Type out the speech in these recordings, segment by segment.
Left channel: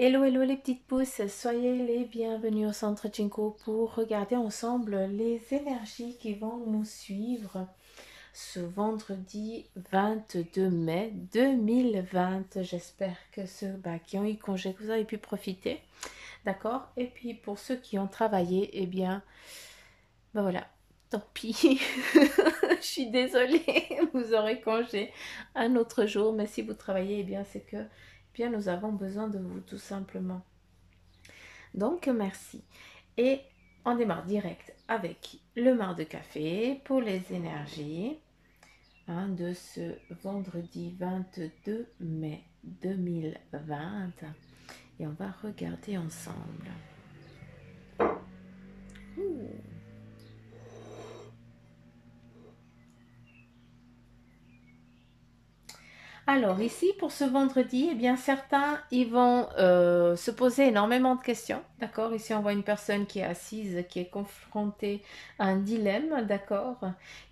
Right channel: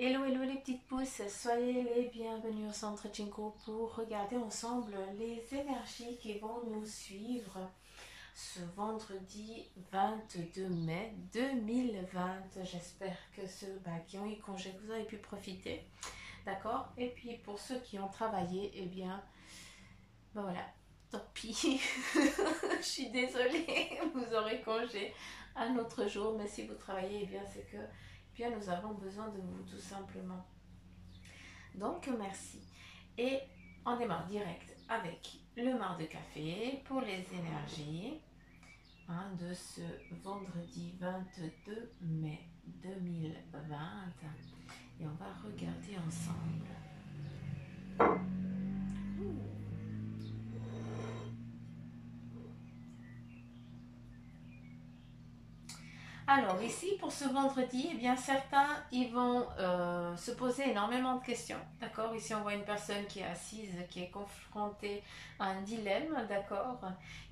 Hello, hello les petites pousses, soyez les bienvenus au centre Jinko pour regarder ensemble les énergies qui vont nous suivre ce vendredi 22 mai 2020. J'espère que ceux qui ont eu congé, que vous avez pu profiter, d'accord? Et puis pour ceux qui ont travaillé, eh bien, voilà, tant pis, je suis désolée, vous aurez congé un autre jour, mais si vous travaillez, eh bien c'est que bien nous avons besoin de vous tout simplement. Donc merci. Et on démarre direct avec le mar de café pour les énergies de ce vendredi 22 mai 2020. Et on va regarder ensemble. Ouh. Alors ici, pour ce vendredi, eh bien certains, ils vont se poser énormément de questions, d'accord? Ici, on voit une personne qui est assise, qui est confrontée à un dilemme, d'accord?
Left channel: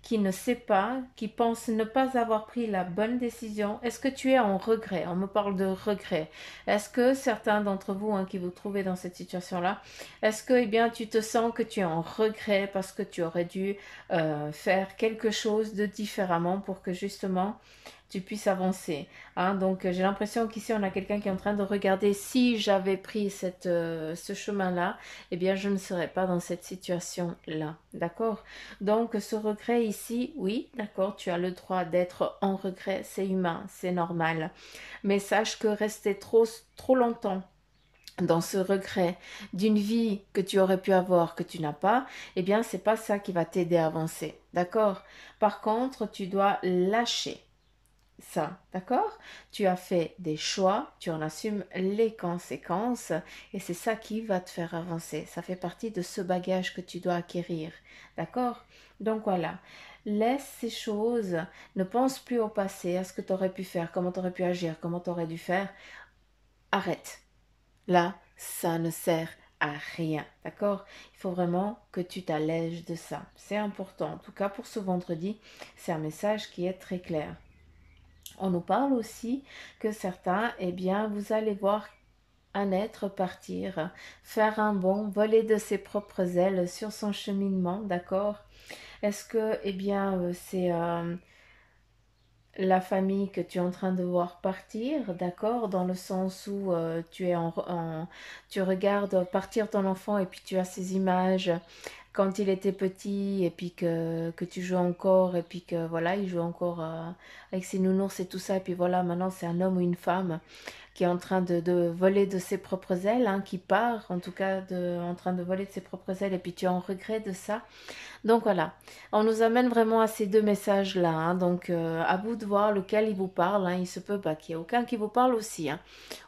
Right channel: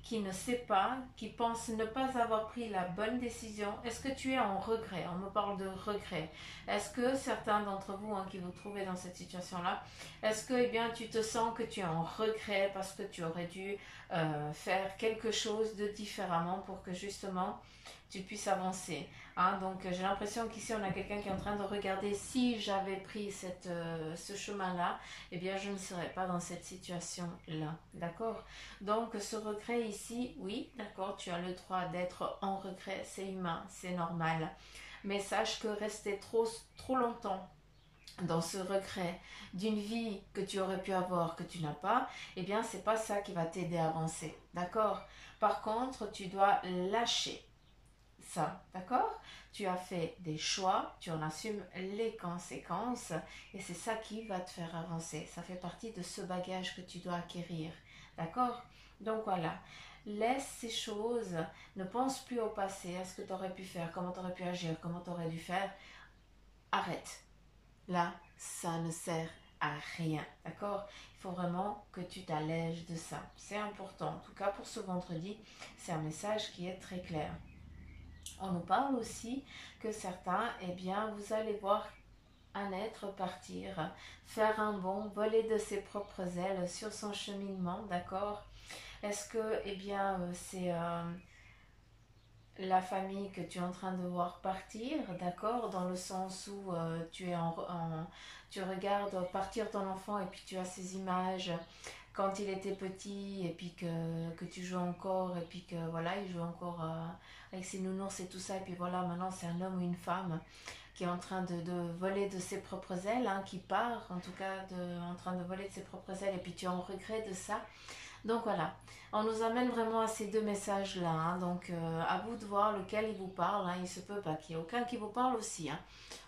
Qui ne sait pas, qui pense ne pas avoir pris la bonne décision. Est-ce que tu es en regret? On me parle de regret. Est-ce que certains d'entre vous qui vous trouvez dans cette situation-là, est-ce que, eh bien, tu te sens que tu es en regret parce que tu aurais dû faire quelque chose de différemment pour que justement tu puisses avancer. Donc j'ai l'impression qu'ici on a quelqu'un qui est en train de regarder si j'avais pris ce chemin-là, eh bien je ne serais pas dans cette situation-là. D'accord? Donc ce regret ici, oui, d'accord, tu as le droit d'être en regret, c'est humain, c'est normal. Mais sache que rester trop longtemps dans ce regret d'une vie que tu aurais pu avoir, que tu n'as pas, eh bien c'est pas ça qui va t'aider à avancer. D'accord? Par contre, tu dois lâcher ça, d'accord? Tu as fait des choix, tu en assumes les conséquences et c'est ça qui va te faire avancer. Ça fait partie de ce bagage que tu dois acquérir, d'accord? Donc voilà, laisse ces choses, ne pense plus au passé, à ce que tu aurais pu faire, comment tu aurais pu agir, comment tu aurais dû faire. Arrête. Là, ça ne sert à rien, d'accord? Il faut vraiment que tu t'allèges de ça. C'est important. En tout cas, pour ce vendredi, c'est un message qui est très clair. On nous parle aussi que certains, eh bien, vous allez voir un être partir, faire un bond, voler de ses propres ailes sur son cheminement, d'accord? Est-ce que, eh bien, c'est la famille que tu es en train de voir partir, d'accord? Dans le sens où tu regardes partir ton enfant et puis tu as ces images quand il était petit et puis que tu joues encore et puis que voilà, il joue encore avec ses nounours et tout ça et puis voilà, maintenant c'est un homme ou une femme qui est en train de voler de ses propres ailes, qui part en tout cas en train de voler de ses propres ailes et puis tu es en regret de ça. Donc voilà, on nous amène vraiment à ces deux messages-là. Donc à vous de voir lequel il vous parle. Il se peut pas qu'il n'y ait aucun qui vous parle aussi.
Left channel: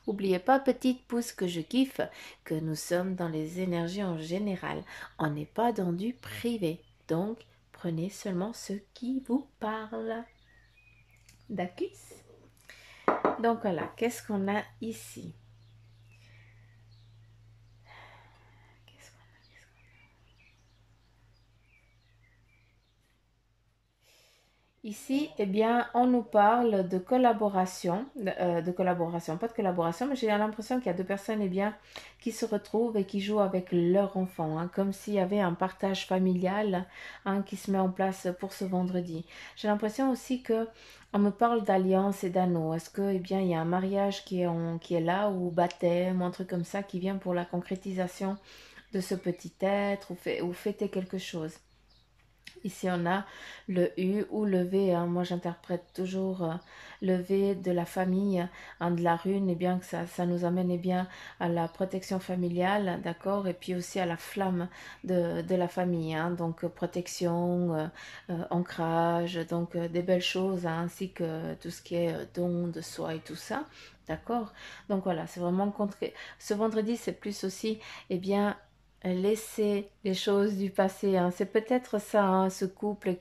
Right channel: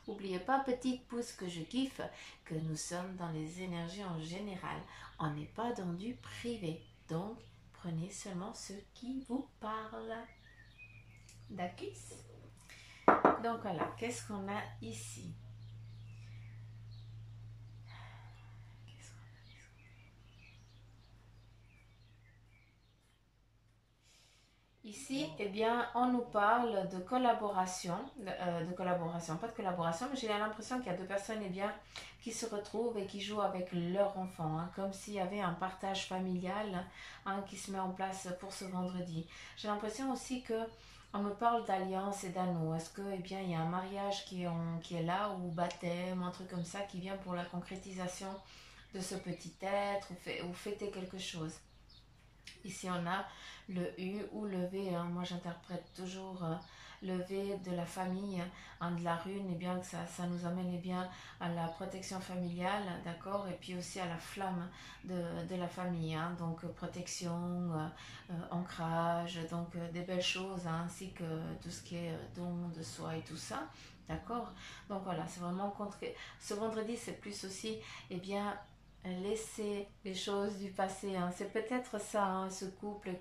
N'oubliez pas, petite pouce que je kiffe, que nous sommes dans les énergies en général. On n'est pas dans du privé. Donc prenez seulement ce qui vous parle. D'accord? Donc voilà, qu'est-ce qu'on a ici? Ici, eh bien, on nous parle de collaboration, pas de collaboration, mais j'ai l'impression qu'il y a deux personnes, eh bien, qui se retrouvent et qui jouent avec leur enfant, comme s'il y avait un partage familial, qui se met en place pour ce vendredi. J'ai l'impression aussi que on me parle d'alliance et d'anneau. Est-ce que, eh bien, il y a un mariage qui est là, ou baptême, un truc comme ça, qui vient pour la concrétisation de ce petit être, ou fêter quelque chose. Ici, on a le U ou le V. Moi, j'interprète toujours le V de la famille, de la rune, et bien que ça nous amène bien à la protection familiale, d'accord, et puis aussi à la flamme de la famille. Donc, protection, ancrage, donc des belles choses, ainsi que tout ce qui est don de soi et tout ça. D'accord. Donc voilà, c'est vraiment ce vendredi, c'est plus aussi, eh bien, laisser les choses du passé. C'est peut-être ça, ce couple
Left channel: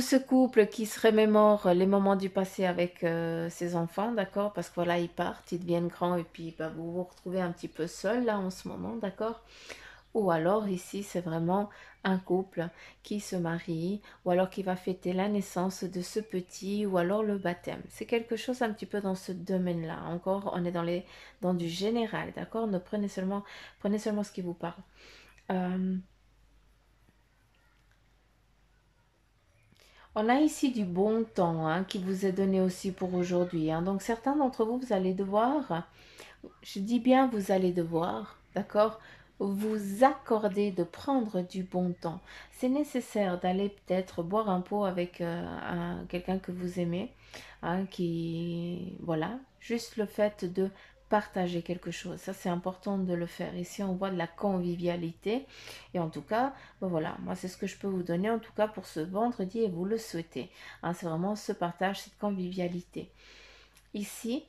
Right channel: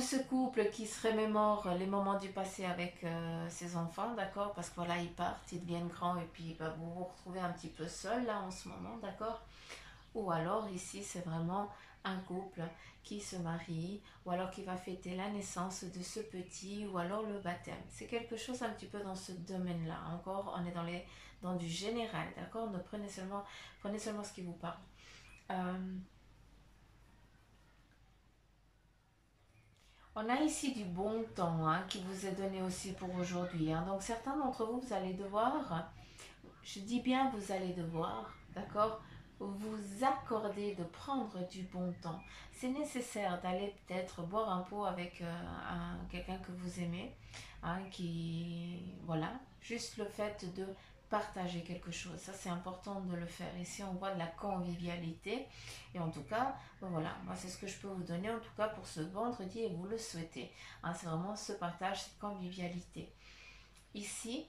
ce couple qui se remémore les moments du passé avec ses enfants, d'accord? Parce que voilà, ils partent, ils deviennent grands et puis vous vous retrouvez un petit peu seul là en ce moment, d'accord? Ou alors ici, c'est vraiment un couple qui se marie ou alors qui va fêter la naissance de ce petit ou alors le baptême. C'est quelque chose un petit peu dans ce domaine-là. Encore, on est dans du général, d'accord? Ne prenez seulement ce qui vous parle. On a ici du bon temps hein, qui vous est donné aussi pour aujourd'hui. Hein. Donc certains d'entre vous, vous allez devoir, je dis bien vous allez devoir, d'accord, vous accorder de prendre du bon temps. C'est nécessaire d'aller peut-être boire un pot avec quelqu'un que vous aimez, hein, qui, voilà, juste le fait de partager quelque chose. Ça, c'est important de le faire. Ici, on voit de la convivialité. Et en tout cas, ben voilà, moi, c'est ce que je peux vous donner, en tout cas, pour ce vendredi, et vous le souhaitez. Hein, c'est vraiment ce partage, cette convivialité. Ici,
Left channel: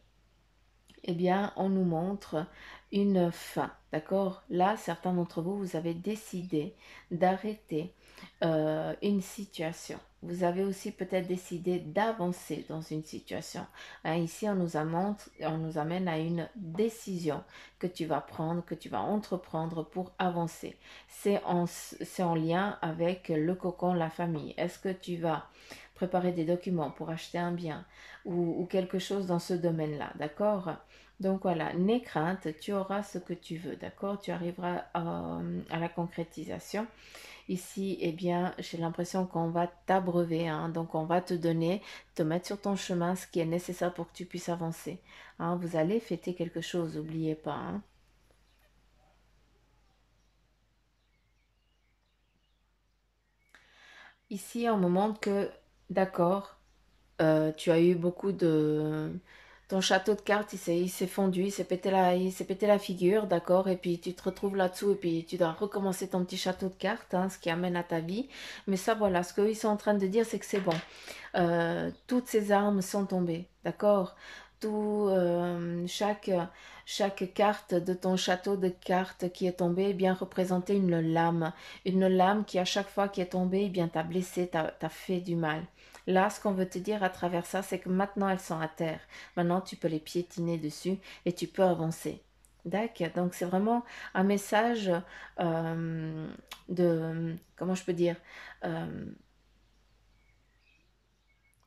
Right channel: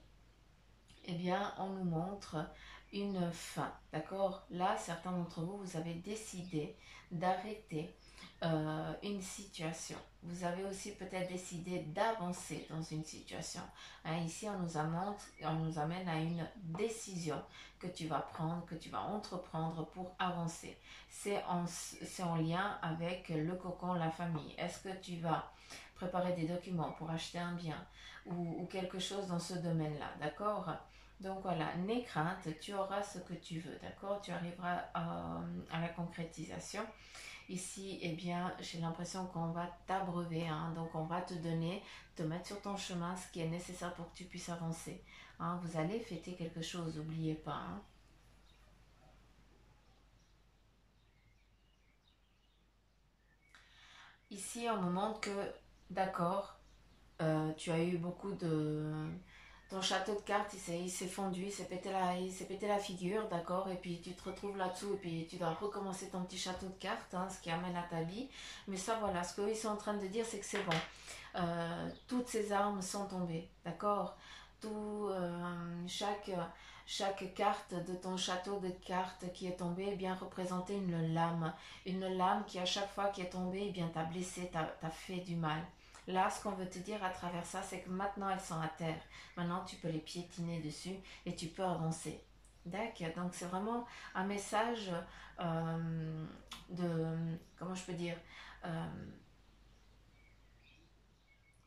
eh bien, on nous montre une fin, d'accord? Là, certains d'entre vous, vous avez décidé d'arrêter une situation. Vous avez aussi peut-être décidé d'avancer dans une situation. Hein, ici, on nous amène à une décision que tu vas prendre, que tu vas entreprendre pour avancer. C'est en lien avec le cocon, la famille. Est-ce que tu vas préparer des documents pour acheter un bien ou quelque chose dans ce domaine-là, d'accord? Donc voilà, n'aie crainte, tu auras ce que tu veux, d'accord? Tu arriveras à la concrétisation. Ici, eh bien, j'ai l'impression qu'on va t'abreuver, hein, donc on va te donner, te mettre sur ton chemin ce qui est nécessaire pour que tu puisses avancer. Hein, vous allez fêter quelque chose, n'oubliez pas. Hein. Ici, on me montre que, d'accord, tu as eu beaucoup de... Ton château de cartes, il s'est fondu, il s'est pété la figure, d'accord, et puis tu te retrouves là-dessous, et puis tu dois recommencer ton petit château de cartes, hein, ce qui amène à ta vie. Mais ça, voilà, ce qu'ils sont en train de dire, c'est que c'est bon. Toutes ces armes sont tombées, d'accord. Tout, chaque carte de ton château de cartes qui est tombée, eh bien représentait une lame qui à chaque fois qui est tombée, eh bien t'a blessé, t'a fait du mal. Là, ce qu'on veut te dire à travers ça, c'est que maintenant elles sont à terre. Maintenant, tu peux les piétiner dessus et tu peux avancer. D'accord. Donc, c'est vraiment un message comment je peux dire, euh,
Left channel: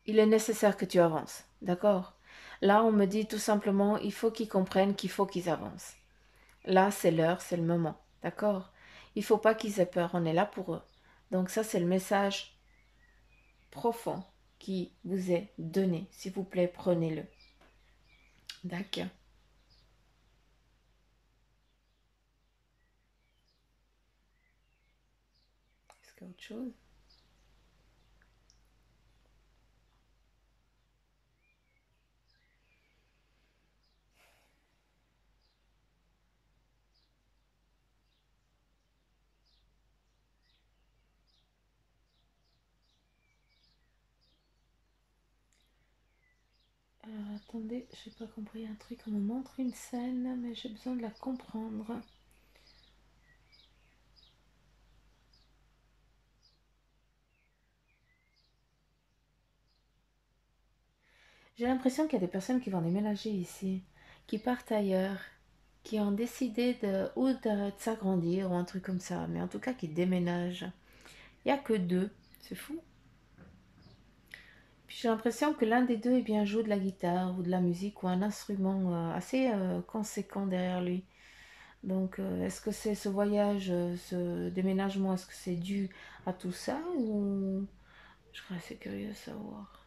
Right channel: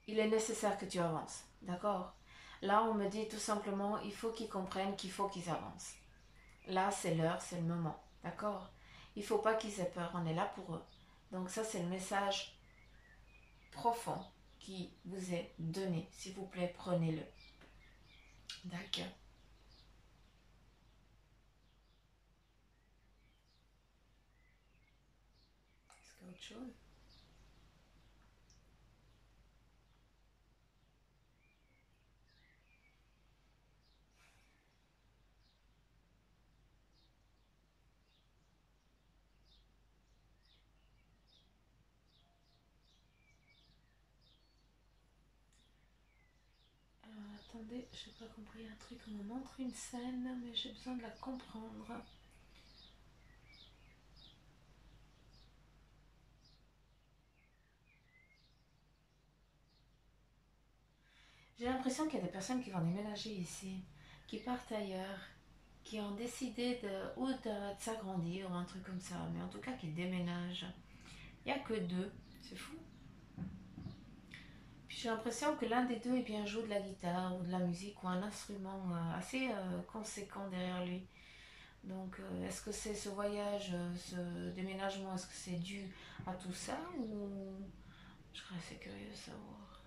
il est nécessaire que tu avances. D'accord. Là, on me dit tout simplement, il faut qu'ils comprennent qu'il faut qu'ils avancent. Là, c'est l'heure, c'est le moment. D'accord. Il ne faut pas qu'ils aient peur, on est là pour eux. Donc ça, c'est le message profond qui vous est donné. S'il vous plaît, prenez-le. D'accord. Est-ce qu'il y a autre chose? Attendez, j'ai pas compris un truc. On me montre une scène, mais j'ai besoin de la comprendre. J'ai l'impression qu'il y a des personnes qui vont déménager ici, qui partent ailleurs, qui ont décidé de s'agrandir ou un truc comme ça, mais en tout cas qui déménagent. Il n'y a que deux, c'est fou. Puis j'ai l'impression que l'un des deux eh bien, joue de la guitare ou de la musique ou un instrument assez conséquent derrière lui. Donc est-ce que c'est ce voyage, ce déménagement, est-ce que c'est dû à tout ça ou... Je serais assez curieux de savoir.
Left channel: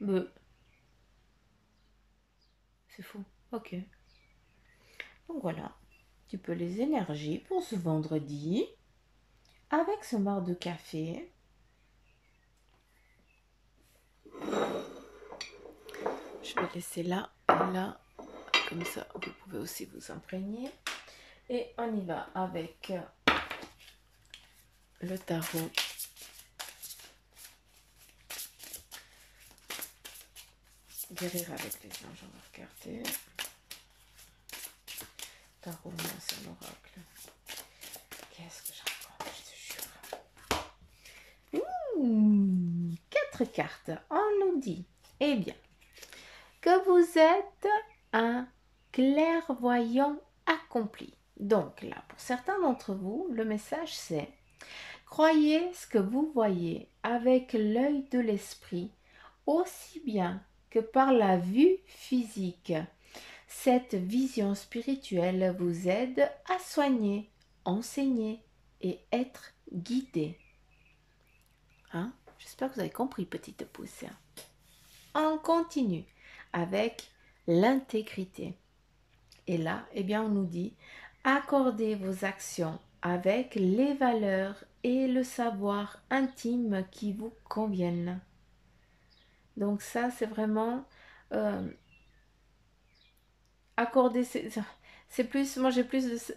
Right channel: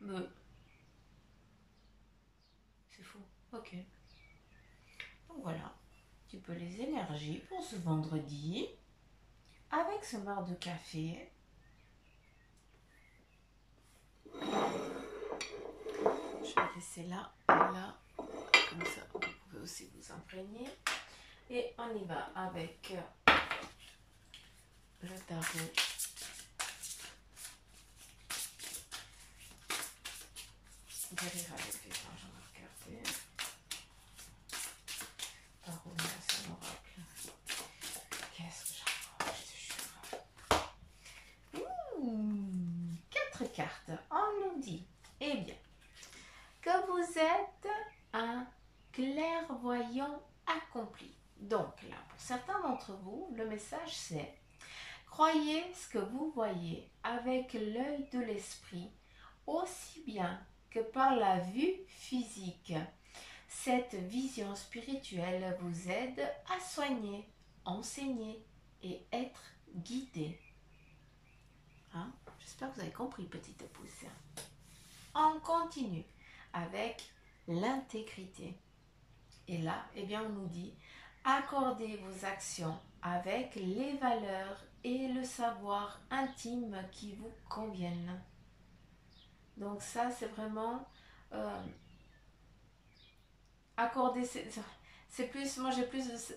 Mais c'est fou. Ok. Donc voilà. Un petit peu les énergies pour ce vendredi. Avec ce marc de café. Je vais laisser là, là. Comme ça, vous pouvez aussi vous imprégner. Et on y va avec le tarot. Guérir avec les anges, on va regarder. Tarot, c'est l'oracle. Qu'est-ce que j'en pense? 4 cartes. On nous dit, eh bien, que vous êtes un clairvoyant accompli. Donc là, pour certains d'entre vous, le message c'est: croyez ce que vous voyez avec l'œil de l'esprit, aussi bien que par la vue physique. Cette vision spirituelle vous aide à soigner, enseigner et être guidé. Hein? J'espère que vous avez compris, petite pouce. On continue avec l'intégrité. Et là, eh bien, on nous dit: accordez vos actions avec les valeurs et le savoir intime qui vous conviennent. Donc ça, c'est vraiment accorder. C'est plus, moi j'ai plus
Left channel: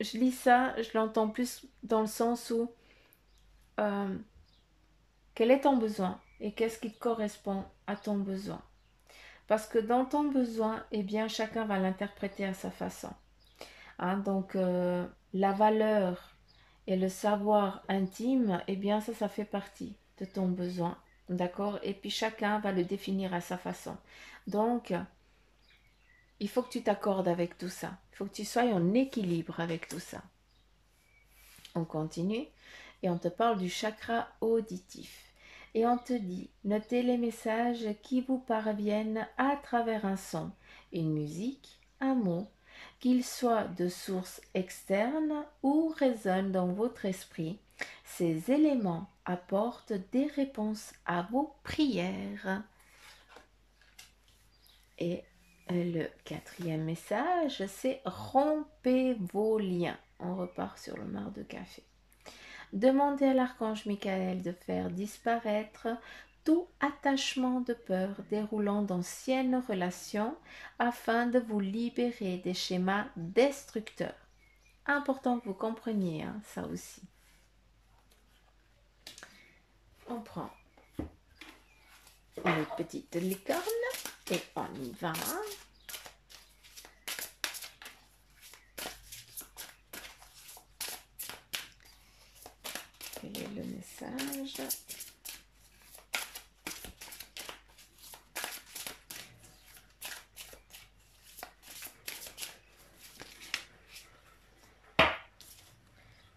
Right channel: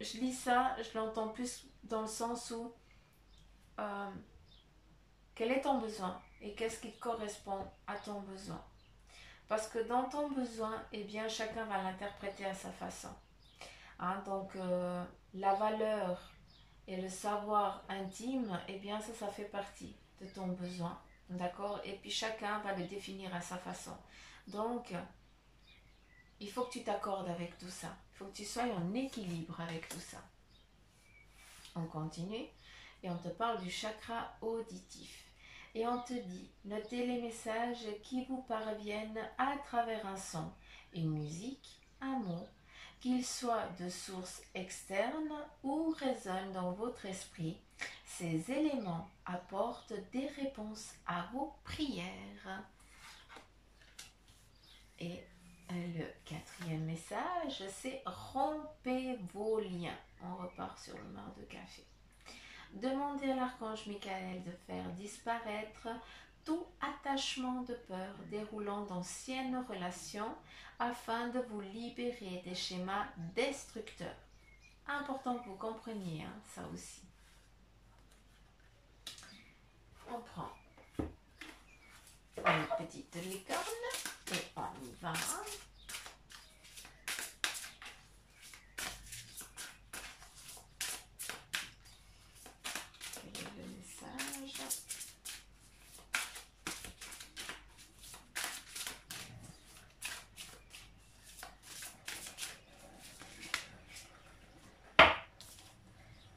je lis ça, je l'entends plus dans le sens où quel est ton besoin et qu'est-ce qui correspond à ton besoin. Parce que dans ton besoin, eh bien, chacun va l'interpréter à sa façon. Hein, donc, la valeur et le savoir intime, eh bien, ça fait partie de ton besoin. D'accord? Et puis, chacun va le définir à sa façon. Donc, il faut que tu t'accordes avec tout ça. Il faut que tu sois en équilibre avec tout ça. On continue et on te parle du chakra auditif. Et on te dit: notez les messages qui vous parviennent à travers un son, une musique, un mot, qu'ils soient de source externe ou résonnent dans votre esprit. Ces éléments apportent des réponses à vos prières. Et le quatrième message, c'est: rompez vos liens. On repart sur le mar de café. Demandez à l'archange Michael de faire disparaître tout attachement de peur déroulant d'anciennes relations afin de vous libérer des schémas destructeurs. Important que vous compreniez ça aussi. On prend une petite licorne et on y va. Quel est le message?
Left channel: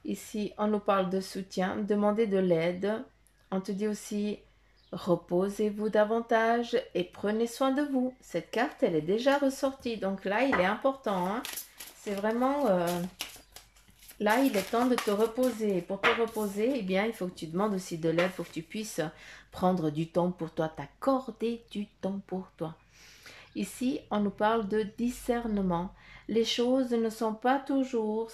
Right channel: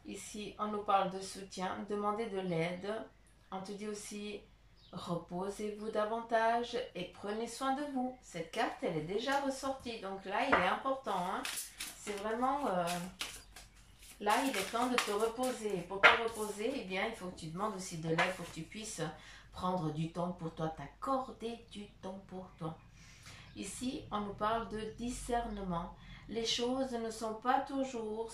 Ici, on nous parle de soutien, demandez de l'aide. On te dit aussi: reposez-vous davantage et prenez soin de vous. Cette carte, elle est déjà ressortie. Donc là, il est important. Hein. C'est vraiment... là, il est temps de te reposer. Et pour te reposer, eh bien, il faut que tu demandes aussi de l'aide pour que tu puisses prendre du temps pour toi, t'accorder du temps pour toi. Ici, on nous parle de discernement. Les choses ne sont pas toujours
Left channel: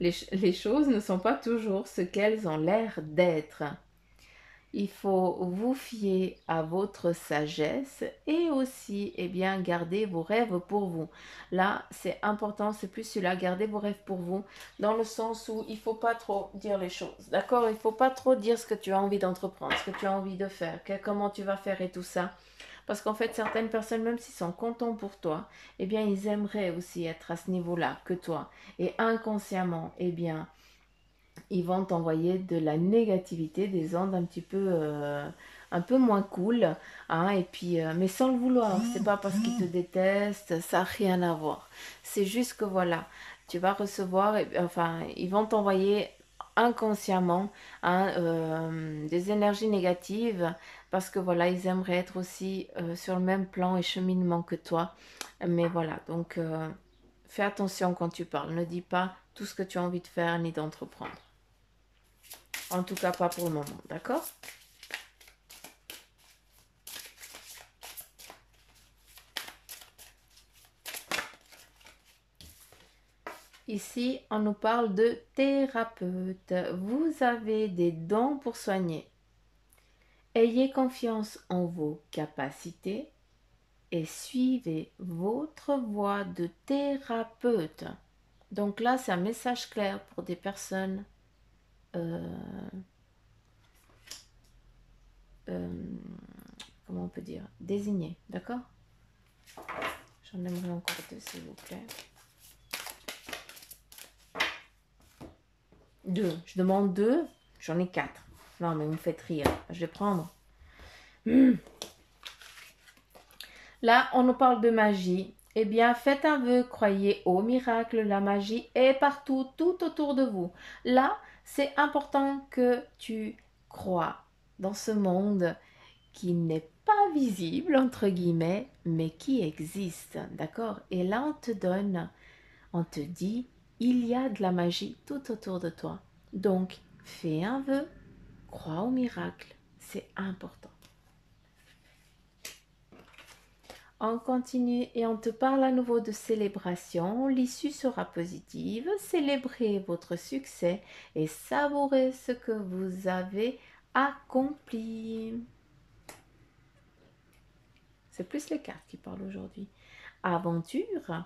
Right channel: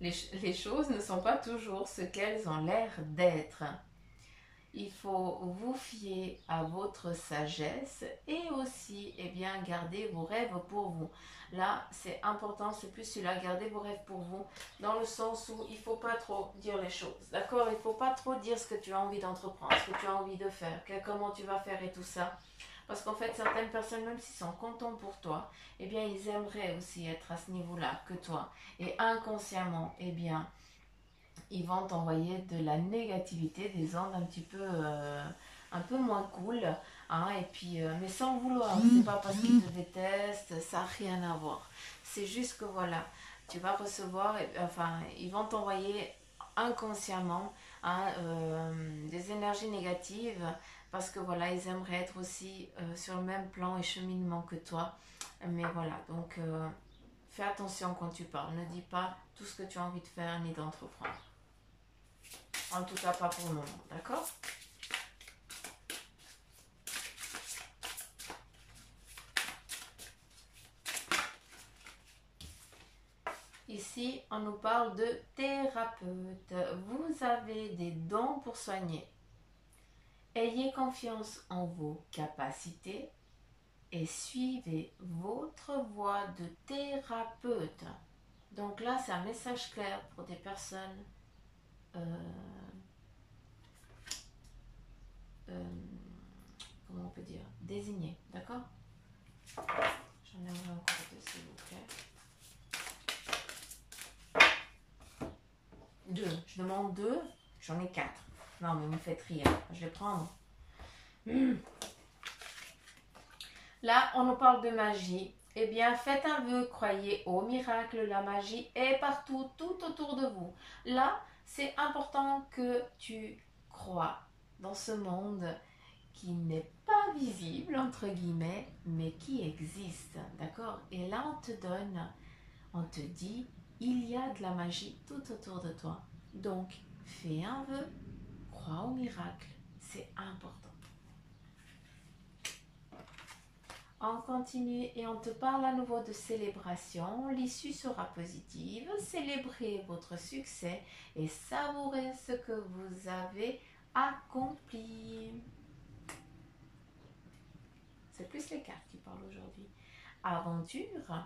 les choses ne sont pas toujours ce qu'elles ont l'air d'être. Il faut vous fier à votre sagesse et aussi, eh bien, garder vos rêves pour vous. Là, c'est important, c'est plus celui-là, garder vos rêves pour vous, dans le sens où il ne faut pas trop dire les choses, d'accord? Il ne faut pas trop dire ce que tu as envie d'entreprendre, ce que tu as envie de faire, comment tu vas faire et tout ça. Parce qu'en fait, certaines personnes, même s'ils sont contents pour toi, eh bien, ils aimeraient aussi être à ce niveau-là que toi. Et inconsciemment, eh bien, ils vont t'envoyer de la négativité, des ondes un peu moins cool, hein, et puis, mais sans le vouloir. C'est pas parce qu'ils te détestent, ça n'a rien à voir. C'est juste que voilà, tu vas recevoir, enfin, ils vont t'envoyer inconsciemment hein, des énergies négatives parce que voilà, ils aimeraient être aussi sur le même plan et cheminement que toi. Mais voilà, donc fais attention quand tu parles. Ne dis pas tout ce que tu as envie de faire ni d'entreprendre. En tout cas, pas pour le moment, d'accord? Ici, on nous parle de thérapeute. Vous avez des dons pour soigner. Ayez confiance en vos capacités et suivez votre voie de thérapeute. Donc là, c'est un message clair pour des personnes comment on peut dire, désignées, d'accord? J'en aimerais encore deux, s'il vous plaît. Deux. Je demande deux. J'en ai quatre. Non, mais vous me faites rire. Je vais prendre. Là, on nous parle de magie. eh bien, faites un vœu, croyez au miracle, la magie est partout, tout autour de vous. Là, c'est important que tu crois dans ce monde qui n'est pas visible, entre guillemets, mais qui existe, d'accord? Et là, on te dit, il y a de la magie tout autour de toi. Donc, fais un vœu, crois au miracle, c'est important. On continue et on te parle à nouveau de célébration. L'issue sera positive. Célébrez votre succès et savourez ce que vous avez accompli. C'est plus les cartes qui parlent aujourd'hui. Aventure.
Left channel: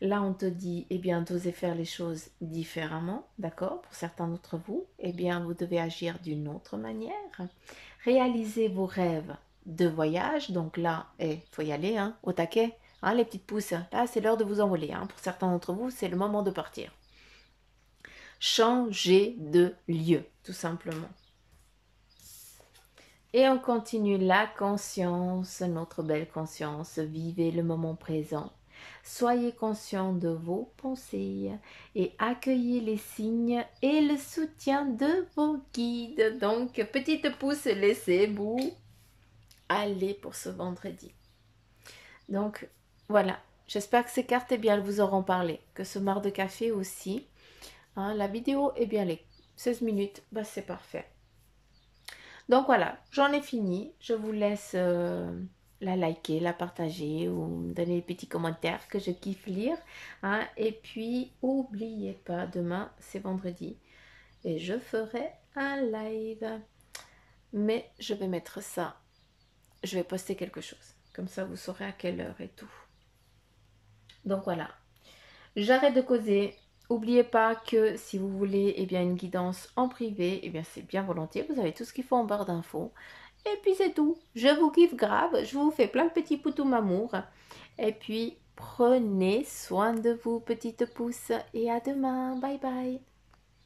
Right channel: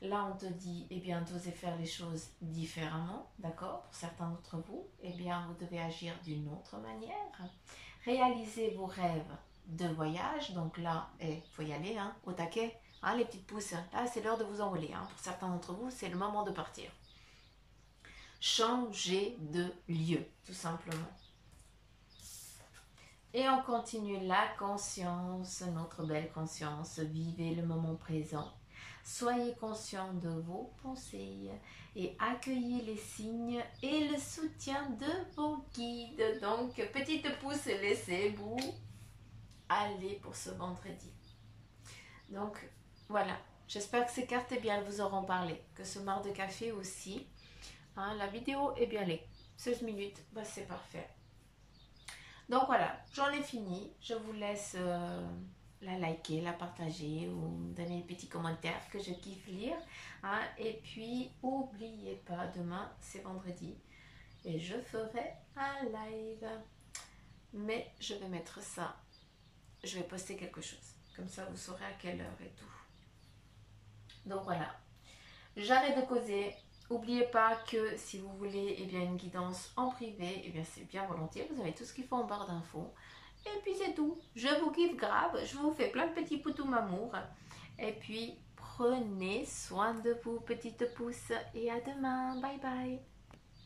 Là, on te dit, eh bien, d'oser faire les choses différemment, d'accord? Pour certains d'entre vous, eh bien, vous devez agir d'une autre manière. Réalisez vos rêves de voyage. Donc là, il faut y aller, hein, au taquet. Hein, les petites pousses, là, c'est l'heure de vous envoler. Hein. Pour certains d'entre vous, c'est le moment de partir. Changer de lieu, tout simplement. Et on continue la conscience, notre belle conscience. Vivez le moment présent. Soyez conscient de vos pensées et accueillez les signes et le soutien de vos guides. Donc, petite pouce, laissez-vous aller pour ce vendredi. Donc, voilà. J'espère que ces cartes, eh bien, elles vous auront parlé. Que ce marc de café aussi. Hein, la vidéo, eh bien, les 16 minutes, bah, c'est parfait. Donc, voilà. J'en ai fini. Je vous laisse la liker, la partager ou me donner des petits commentaires que je kiffe lire. Hein. Et puis, n'oubliez pas, demain, c'est vendredi. Et je ferai un live. Mais je vais mettre ça. Je vais poster quelque chose. Comme ça, vous saurez à quelle heure et tout. Donc voilà. J'arrête de causer. N'oubliez pas que si vous voulez eh bien, une guidance en privé, eh bien c'est bien volontiers. Vous avez tout ce qu'il faut en barre d'infos. Et puis c'est tout. Je vous kiffe grave. Je vous fais plein de petits poutous amour. Et puis prenez soin de vous, petites pousses. Et à demain. Bye bye.